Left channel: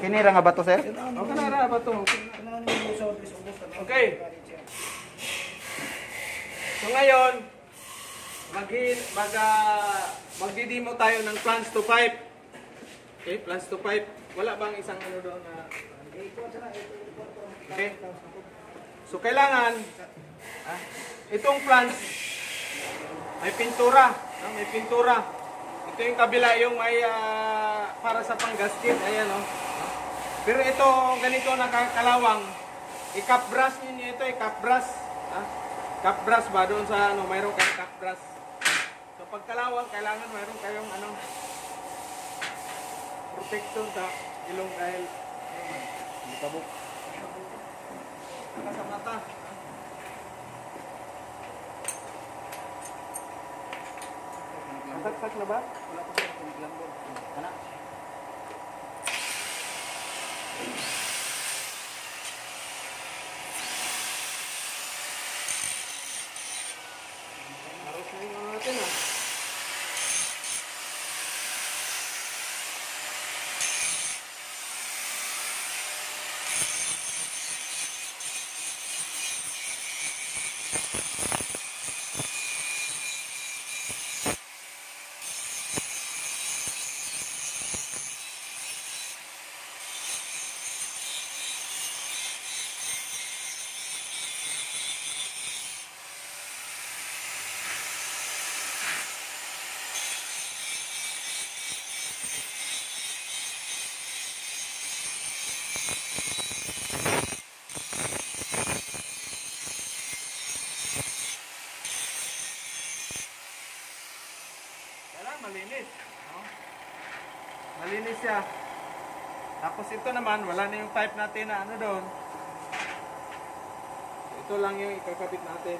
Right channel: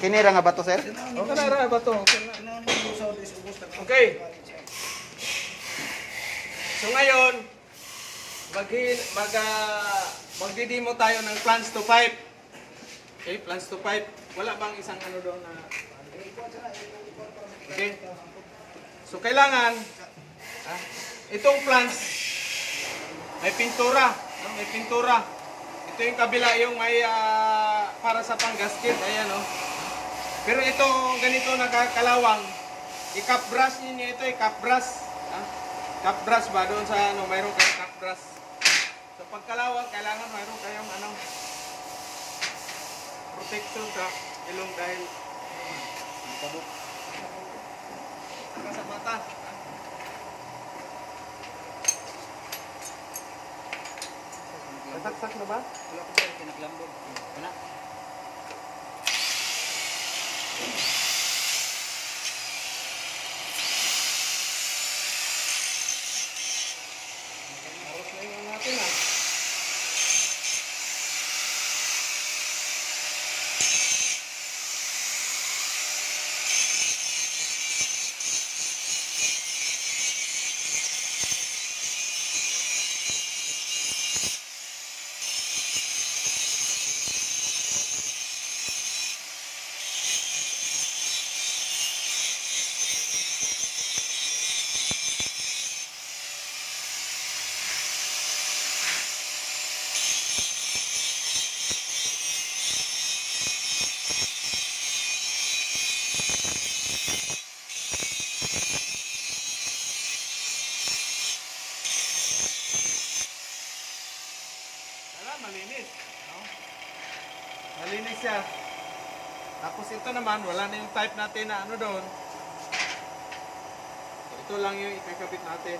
Kinira nga ba to, sir? Okay na ra ba to? Okay. So ngayon, magdi-demo tayo ng plans to pipe. Okay, plans to pipe. Wala bang isang ano doon na okay. So kailangan itong plans may pintura, no? May pintura. Ito yung kabila yung may para sa pang-gasket, ayan oh. Pero ito ganito nakakalawang. I-cap brush niyo ito, i-cap brush. Cap brush ba doon sa ano, mayroon kayong cap brush. So pagkalawang kailangan mayroon kayong ano protection sa ilong dahil kabuk. Saka sa mata. Nasaksak na ba? Wala pa siya kiniglambod. Wala. Harus na yung natin malinis. No? Malinis siya. Tapos ito naman, wala na yung type natin na ano doon. Ito lang yung ikakabit natin.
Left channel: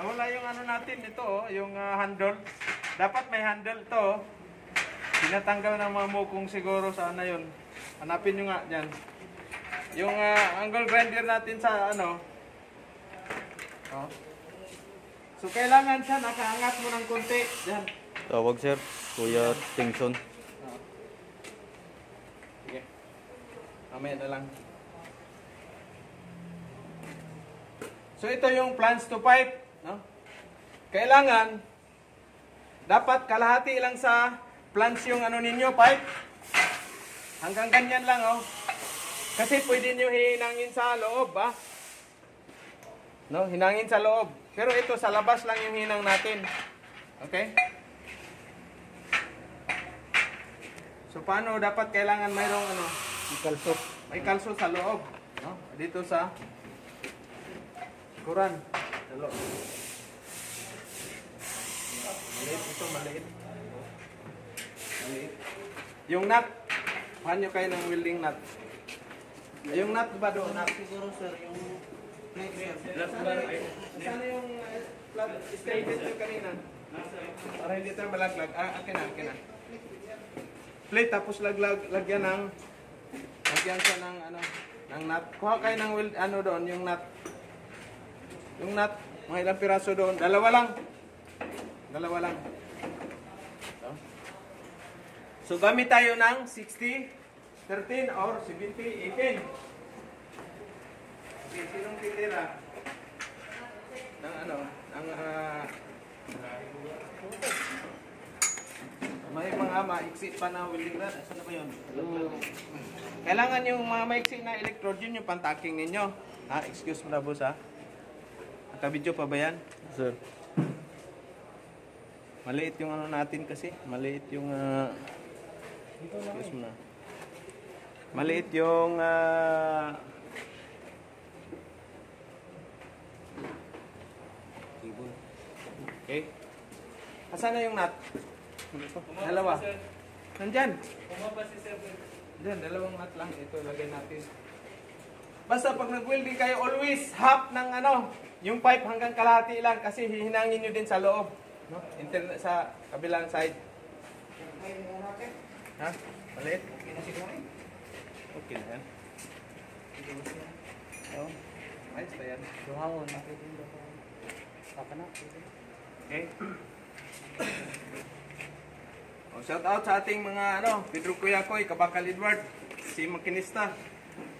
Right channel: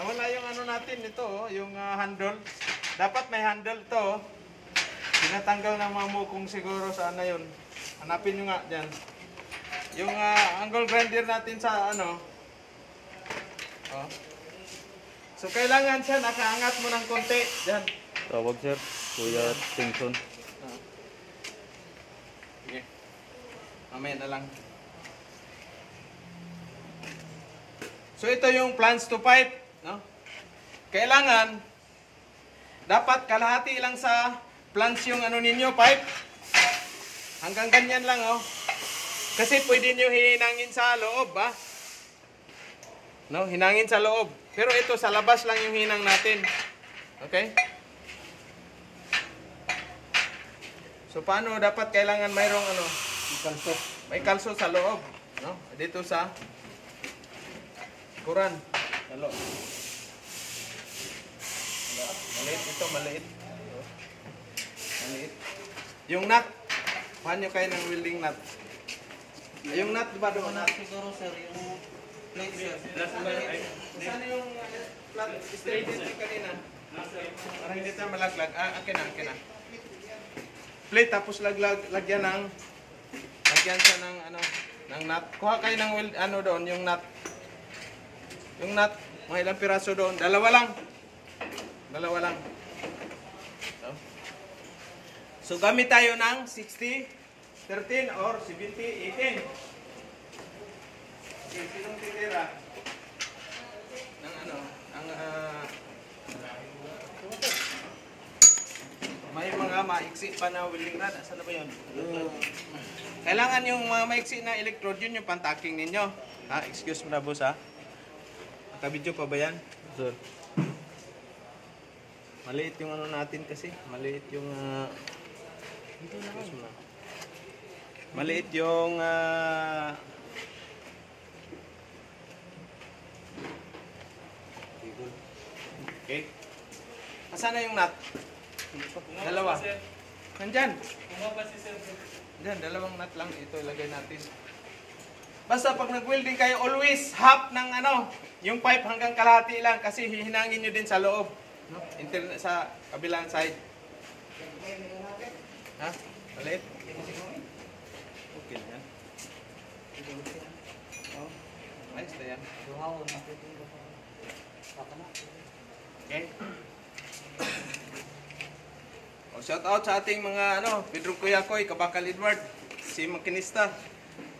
Nawala yung ano natin ito, yung handle. Dapat may handle ito. Tinatanggal ng mga mukong siguro sa ano yun. Hanapin nyo nga dyan. Yung angle grinder natin sa ano. Oh. So kailangan siya nakaangat mo ng konti. Dyan. Tawag, sir. Kuya Tingson. Sige. Mamaya na lang. So ito yung plans to pipe. No? Kailangan dapat kalahati lang sa plants yung ano ninyo pipe. Hanggang ganyan lang oh. Kasi pwede niyo hinangin sa loob No, hinangin sa loob. Pero ito sa labas lang yung hinang natin. Okay? So paano dapat kailangan mayroong ano? Kalso. May kalso sa loob, no? Dito sa kuran. Hello. Maliit ito, maliit. Maliit. Yung nut, paano kayo ng welding nut? Yung nut ba doon? Siguro sir, yung plate sir. Saan yung flat straight dito kanina? Para hindi tayo malaglag. Akin na. Plate tapos lagyan siya ng ano, ng nut. Kuha kayo ng weld ano doon, yung nut. Yung nut, mga ilang piraso doon. Dalawa lang. So gamit tayo ng 60-13 or 70-18. Okay, sinong titira? maiksi pa na welding rod. Asan na ba yun? Kailangan yung mga maiksi na electrode, yun yung pantaking ninyo. Ha? Excuse mo na, boss, ha? Nakabidyo pa ba yan? Sir. Maliit yung ano natin kasi. Maliit yung... excuse mo na. Maliit yung... okay. Asan na yung nut? Dalawa. Nandyan. Diyan, dalawang nut lang. Ito ilagay natin. Basta pag nag-welding kayo, always half ng ano, yung pipe hanggang kalahati lang kasi hihinangin nyo din sa loob. No? Internet sa kabilang side. Ha? Maliit? Okay yan. Ayos na yan. Okay. Shout out sa ating mga Pedro Kuyakoy, Kabakal Edward, si Makinista,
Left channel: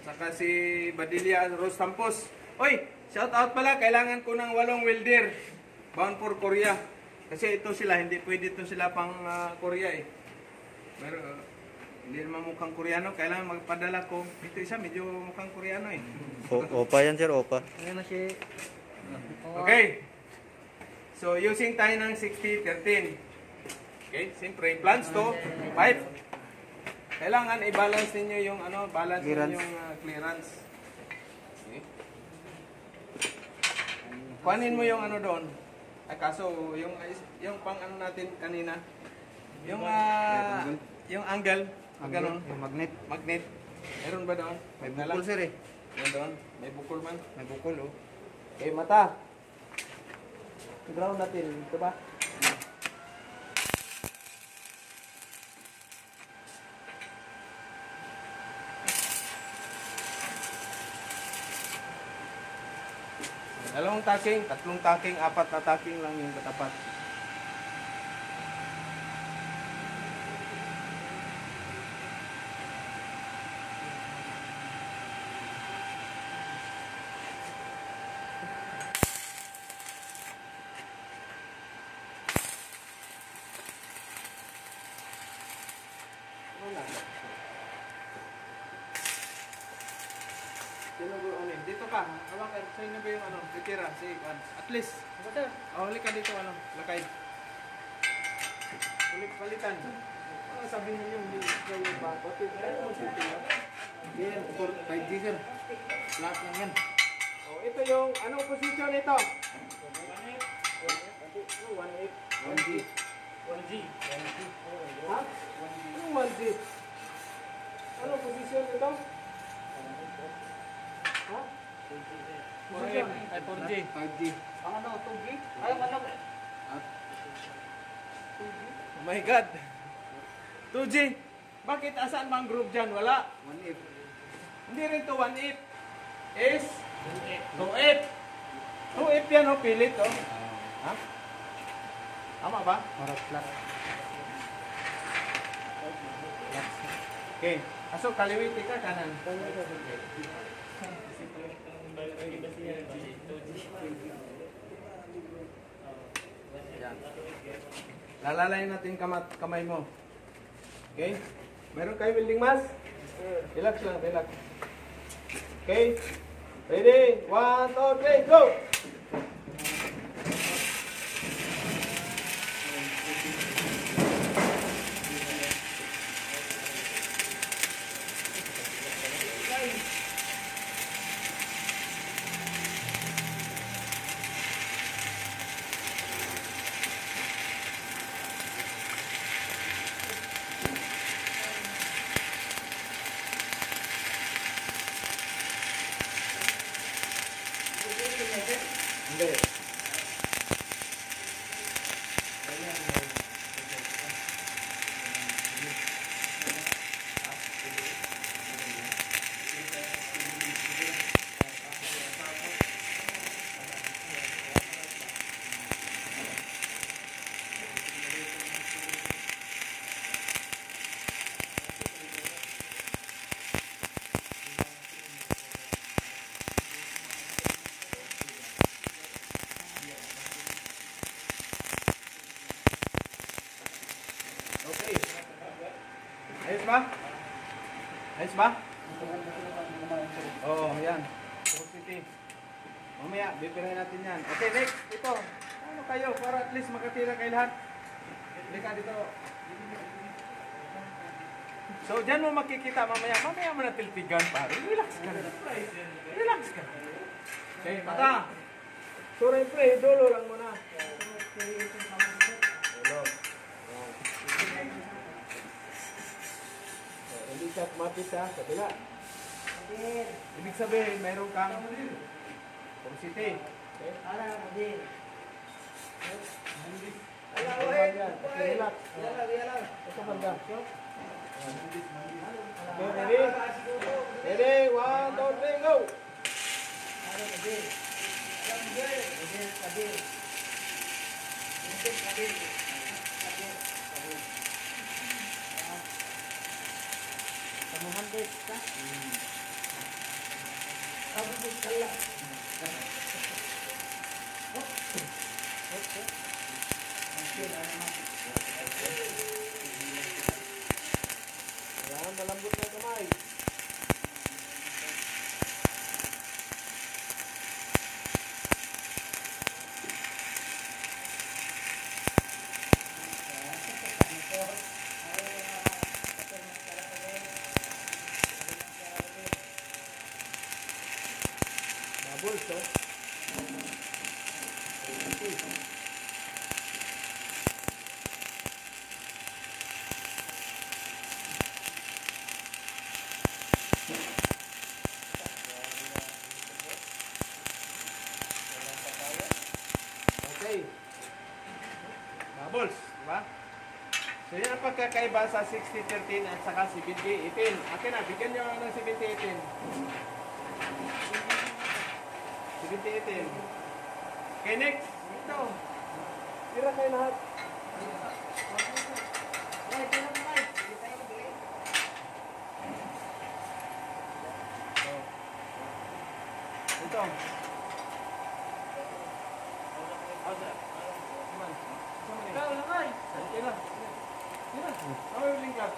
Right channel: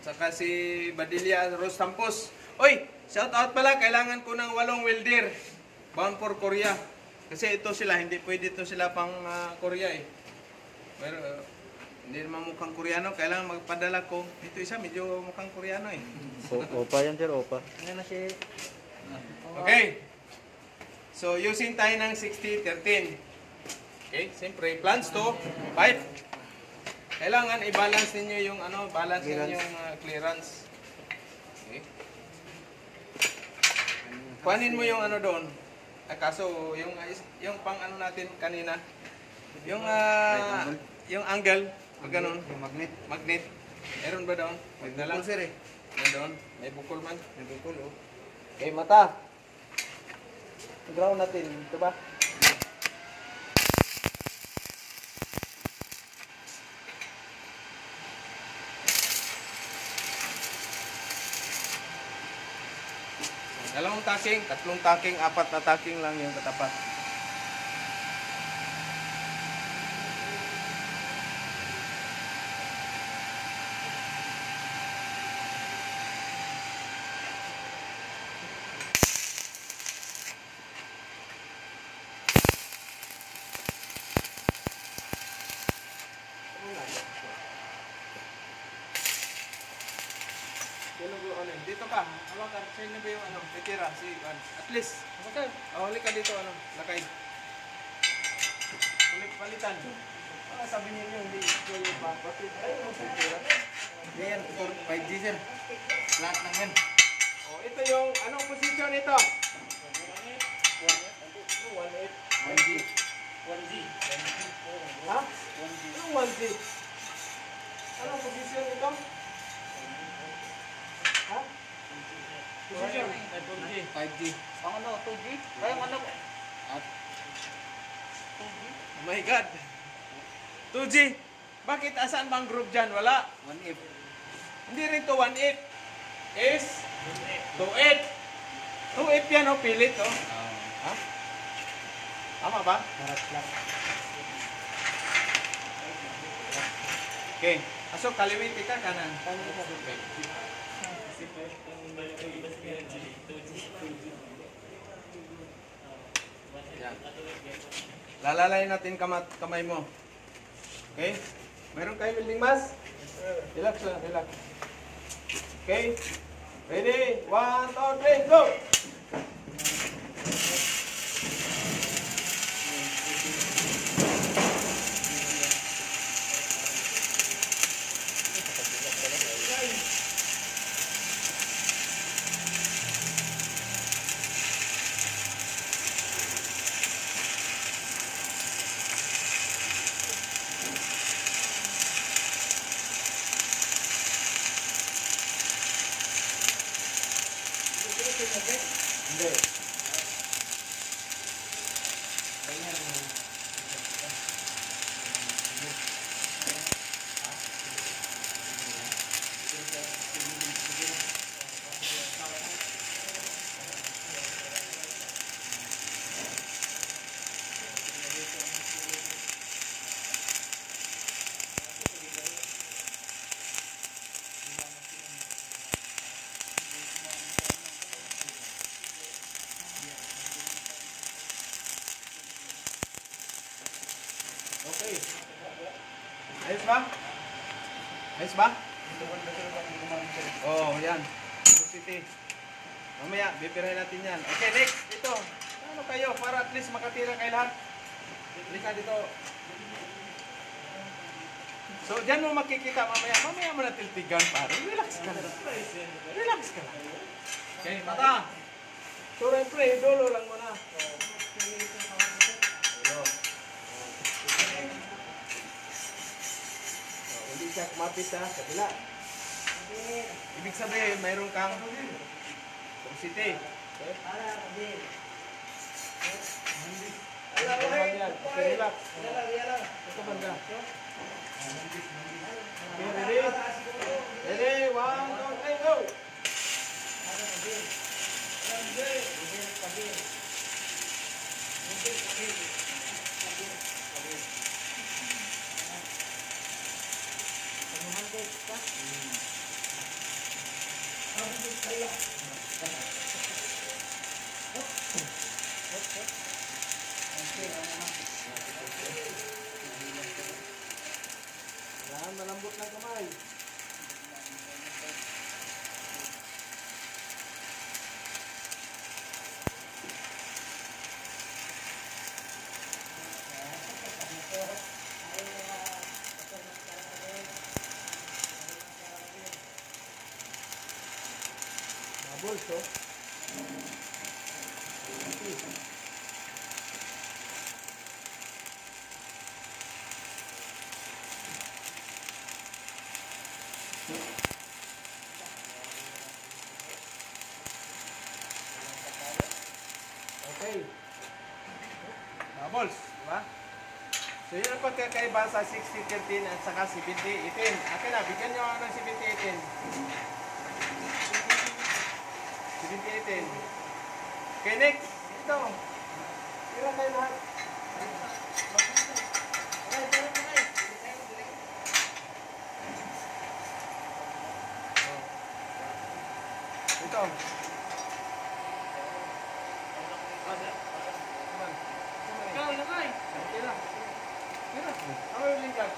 saka si Badilla Rose Sampos. Oy, shout out pala, kailangan ko ng 8 welder bound for Korea. Kasi ito sila, hindi pwede ito sila pang Korea eh. Pero hindi naman mukhang Koreano, kailangan magpadala ko. Dito isa, medyo mukhang Koreano eh. Opa yan, sir. Opa. Okay. So, using tayo ng 60-13. Okay, siyempre, plans to, pipe. Kailangan i-balance ninyo yung balance ninyo yung clearance. Okay. Kuhanin mo yung doon. Kaso, yung pang natin kanina, yung angle, magganon. Yung magnet. Magnet. Meron ba doon? May na lang. bukol, sir, eh. Doon. May bukol man. May bukol, oh. Okay, mata. Ground natin. Ito ba? Dalawang taking, 3 taking, 4 na taking lang yung katapat. Dito ka, hawakan, sa'yo na ba yung titira, at least, huli ka dito, lakay. Palitan. Sabihin niyo, hindi kayo ba, bakit tayo magtitira? Hindi yan, 5G, sir. Lahat lang yan. Ito yung, anong posisyon ito? 1G. 1G. Ha? Anong 1G? Anong posisyon ito? Ha? Posisyon? 2G. 5G. Ang 2G? Ay, ang At 2G? Oh my God. 2G. Bakit? Asaan ba ang group dyan? Wala. 1F. Hindi rin to 1/8. Is 2/8. 2/8 yan, pilit, Ha? Tama ba? Marat lang. Okay. Aso, kaliwiti ka, kanan. Okay. Yan. Lalalayin natin kamay mo. Okay? Meron kayo welding mask? Relax lang, relax. Okay? Ready? 1, 2, 3, go! ba? Ayos ba? Oo, yan. Porosity. Mamaya, bipirahin natin yan. Okay, next. Ito. Ano kayo? Para at least makatira kayo lahat. Halika dito. So, dyan mo makikita mamaya. Mamaya mo na tilpigan, pare. Relax ka lang. Relax ka lang. Okay, mata. So, pre, dulo lang muna. Dulo. So, hindi siya kumatis ha, kabila. Ibig sabihin, mayroon kang porosity. Okay? Normal yan. Okay, relax. Ito banda. Okay, ready? Ready? 1, 2, 3, go! Yan, malambot na kamay. Bubbles, oh. Okay. Bubbles, di ba? So yun ang pagkakaiba sa 60-13 at saka 70-18. Akin na, bigyan nyo ng 70-18. 70-18. Okay, next. Ito. Tira kayo lahat. Ito. Tira. Tira. Ako yung lingkad.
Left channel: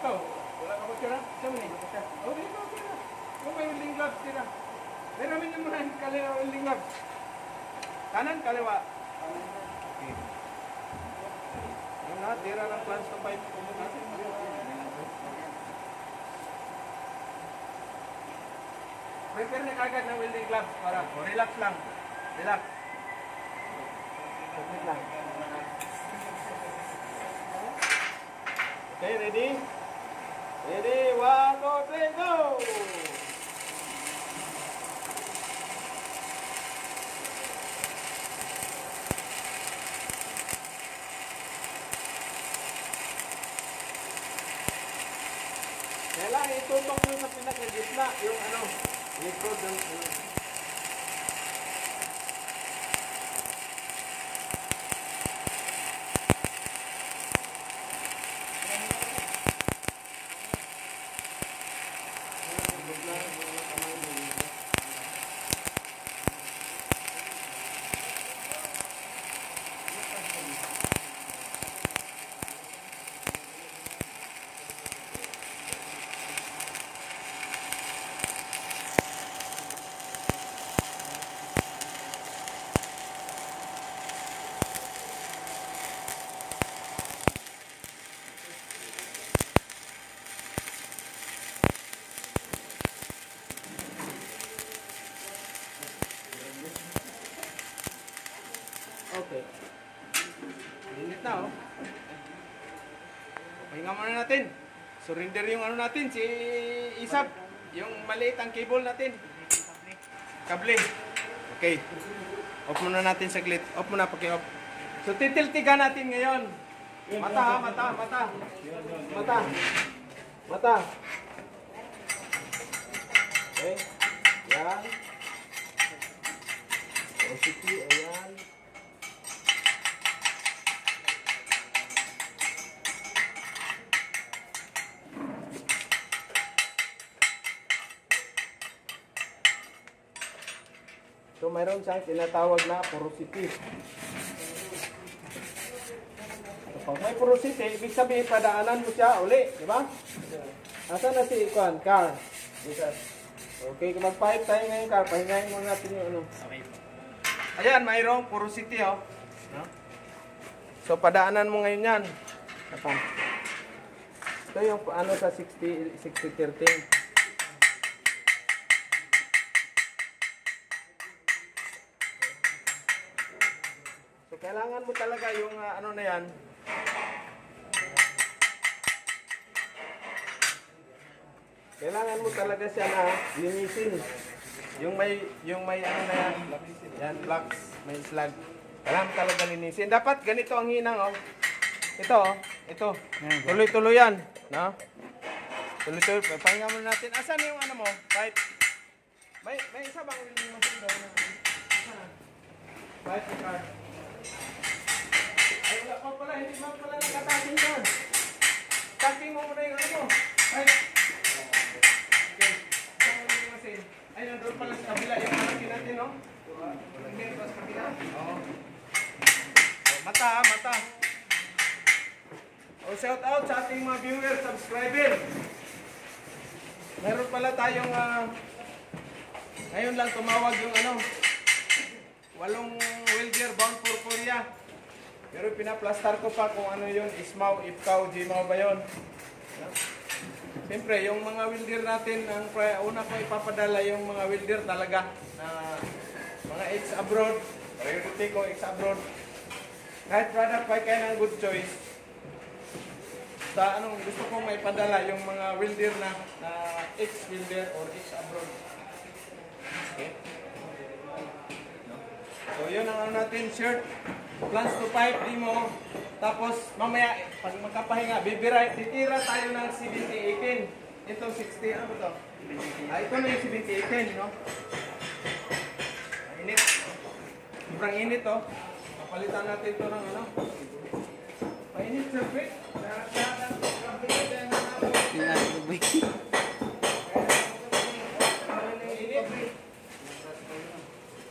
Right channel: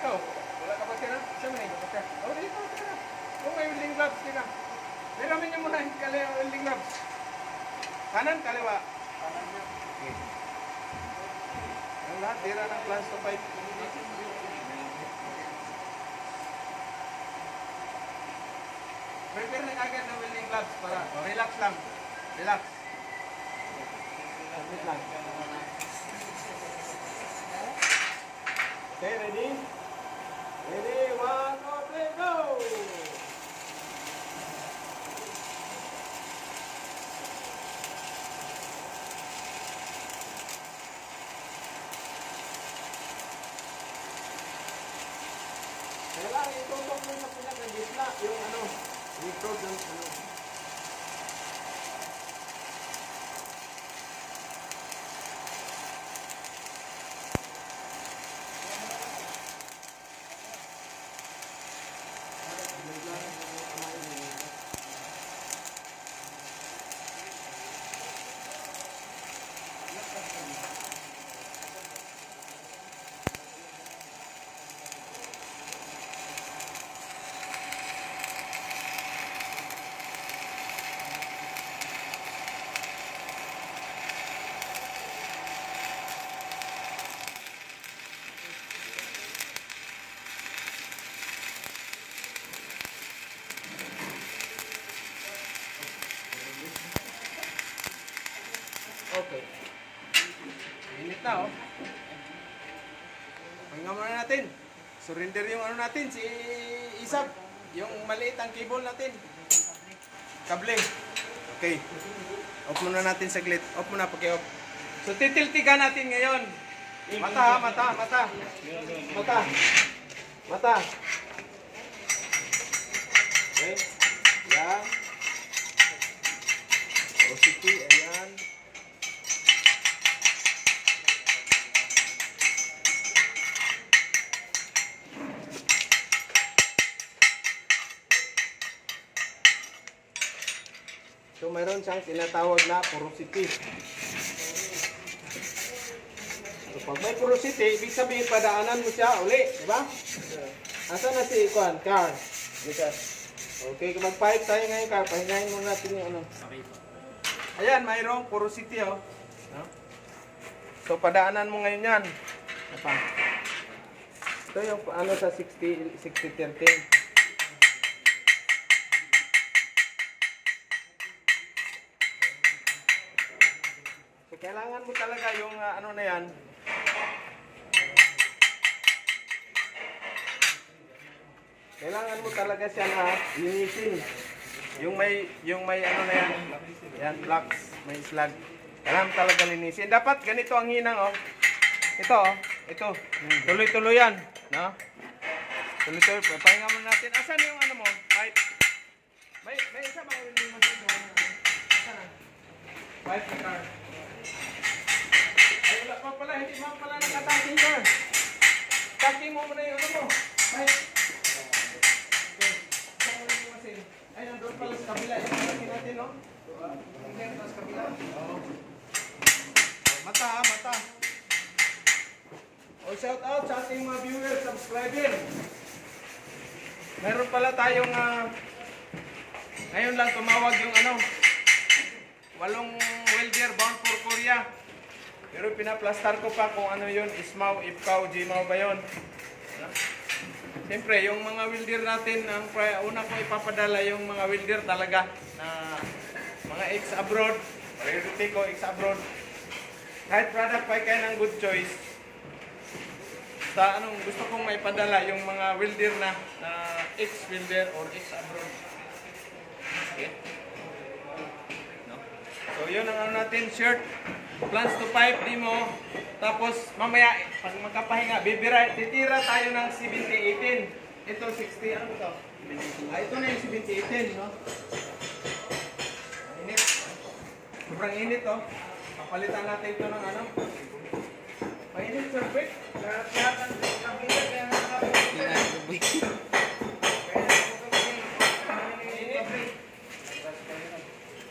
Ikaw. Wala ka ba tira? Siya mo na yung tira. Oh, dito. Tira. Kung may yung lingkad, tira. Meron niyo muna yung kaliwa welding gloves. Kanan, kaliwa. Okay. Ang lahat, tira ng plans to pipe. Prepare na agad ng welding gloves para relax lang. Relax. Relax lang. Okay, ready? Ready, 1, 2, 3, go! Kailangan itutok mo sa pinag-gitna yung ano, likod yung ano. Okay. Init na, oh. Pahinga muna natin. Surrender yung ano natin, si Isab. Yung maliit ang cable natin. Kable. Okay. Off muna natin saglit. Off muna, paki-off. So, titiltigan natin ngayon. Mata, ha? Mata, mata. Mata. Mata. Okay. Yan. Porosity, ayan. So mayroon siyang tinatawag na porosity. So Pag may porosity, ibig sabihin padaanan mo siya uli, di ba? Asa na si Kwan? Car. Yes, sir. Okay, mag-pipe tayo ngayon, Car. Pahingayin mo natin yung ano. Okay po. Ayan, mayroong porosity, oh. No? So, padaanan mo ngayon yan. Apa? Ito yung ano sa 60-13. So, kailangan mo talaga yung ano na yan. Kailangan mo talaga siya na linisin. Yung may ano na yan. Yan, blocks, may slag. Kailangan talaga linisin. Dapat ganito ang hinang, oh. Ito, oh. Ito. Tuloy-tuloy yan. No? Tuloy-tuloy. Papahinga muna natin. Asan yung ano mo? Pipe. May isa bang welding machine doon? Asan? Pipe ni car. Ay, wala pa pala. Hindi mo pala nakataking car. Taking mo muna yung ano mo. Pipe. Okay. Asan ang welding machine? Ay, nandun pala sa kabila yung malaki natin, no? Oh. Mata, mata. O, shout out sa ating mga viewers, subscriber. Meron pala tayong ngayon lang tumawag yung ano, 8 welder bound for Korea. Pero pinaplastar ko pa kung ano yun, Ismaw, Ifkaw, Jimaw ba yun. Siyempre, yung mga welder natin, ang una ko ipapadala yung mga welder talaga na mga ex-abroad. Priority ko ex-abroad. Kahit product pa kayo ng good choice. Sa anong gusto kong maipadala yung mga welder na ex-welder or ex-abroad. Okay? No? So yun ang ano natin, shirt. Plans to pipe, demo. Tapos mamaya, pag magkapahinga, titira tayo ng 70-18. Ito 60, ano to? Ito na yung 70-18, no? Init. Sobrang init, oh. Papalitan natin ito ng ano. Mainit, sir, quick.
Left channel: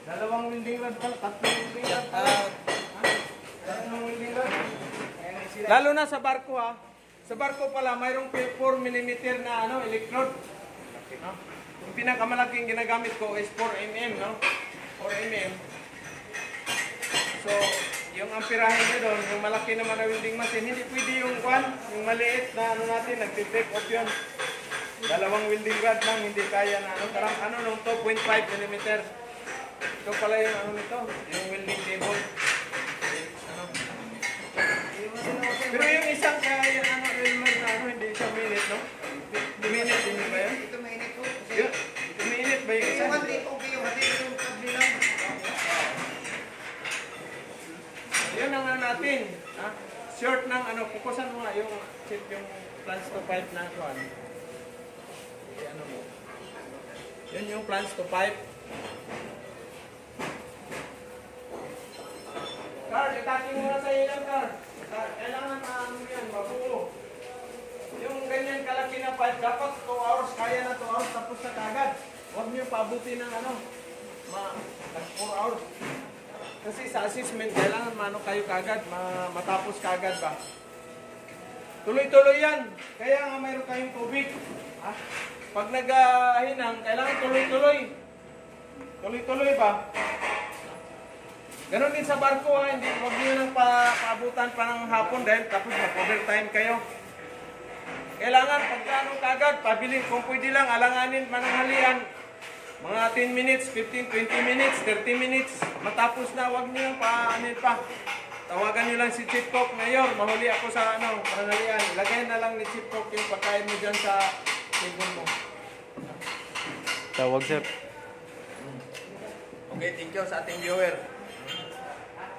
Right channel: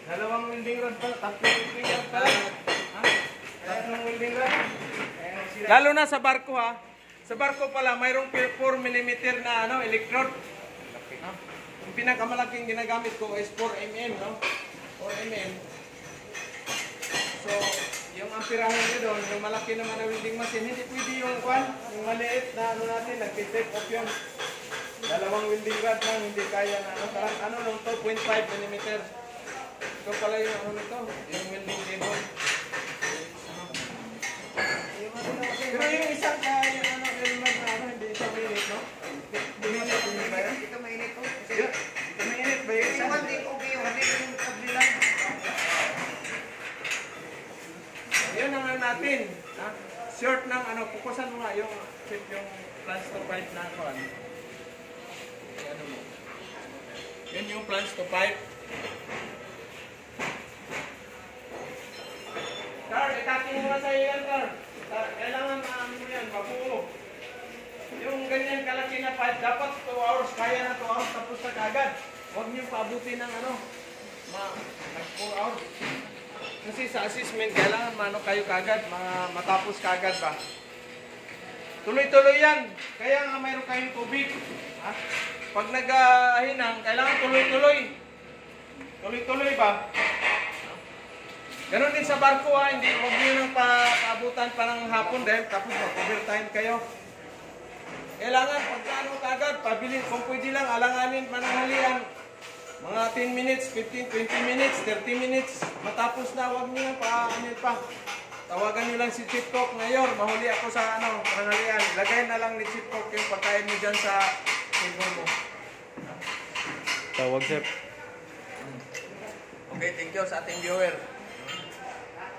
Dalawang welding rod pala, tatlong welding rod pala. Tatlong welding rod. Lalo na sa barko, ha. Sa barko pala, mayroong 4mm na ano, electrode. Yung pinakamalaking ginagamit ko is 4mm, no? 4mm. So, yung amperahe niya doon, yung malaki naman na welding machine, hindi pwede yung yung maliit na ano natin, nagpipik off yun. Dalawang welding rod lang, hindi kaya na ano, karang ano nung 2.5mm. So pala yung ano nito, yung welding table. Ano. Pero yung isang kaya yung ano, yung rod na ano, hindi isang minute, no? Minute, hindi ba yan? Ito mainit po. Yun, minute ba yung isa? Yung hati, okay yung hati. Yung hati lang. Yun ang ano natin, ha? Short ng ano, pukusan mo nga yung plans to pipe na ako, ano. Ano mo. Yun yung plans to pipe. Car, itaking mo na sa'yo yan, Car. Kailangan ano yan, mabuo. Yung ganyan kalaki na pipe, dapat 2 hours, kaya na 2 hours, tapos na kagad. Huwag niyo paabutin ng ano, 4 hours. Kasi sa assessment, kailangan mano kayo kagad, matapos kagad ba? Tuloy-tuloy yan. Kaya nga mayroon kayong tubig. Ha? Pag naghahinang, kailangan tuloy-tuloy. Tuloy-tuloy ba? Ganon din sa barko, ha? Hindi, huwag niyo nang paabutan pa ng hapon dahil tapos mag-overtime kayo. Kailangan pagkano kagad, pabili, kung pwede lang, alanganin pananghalian. Mga 10 minutes, 15, 20 minutes, 30 minutes, matapos na, huwag niyo pa-anil pa. Tawagan niyo lang si Chief Cook, Mayor, mahuli ako sa ano, pananghalian. Ilagay na lang ni Chief Cook yung pagkain mo dyan sa table mo. Tawag, sir. Okay, thank you sa ating viewer.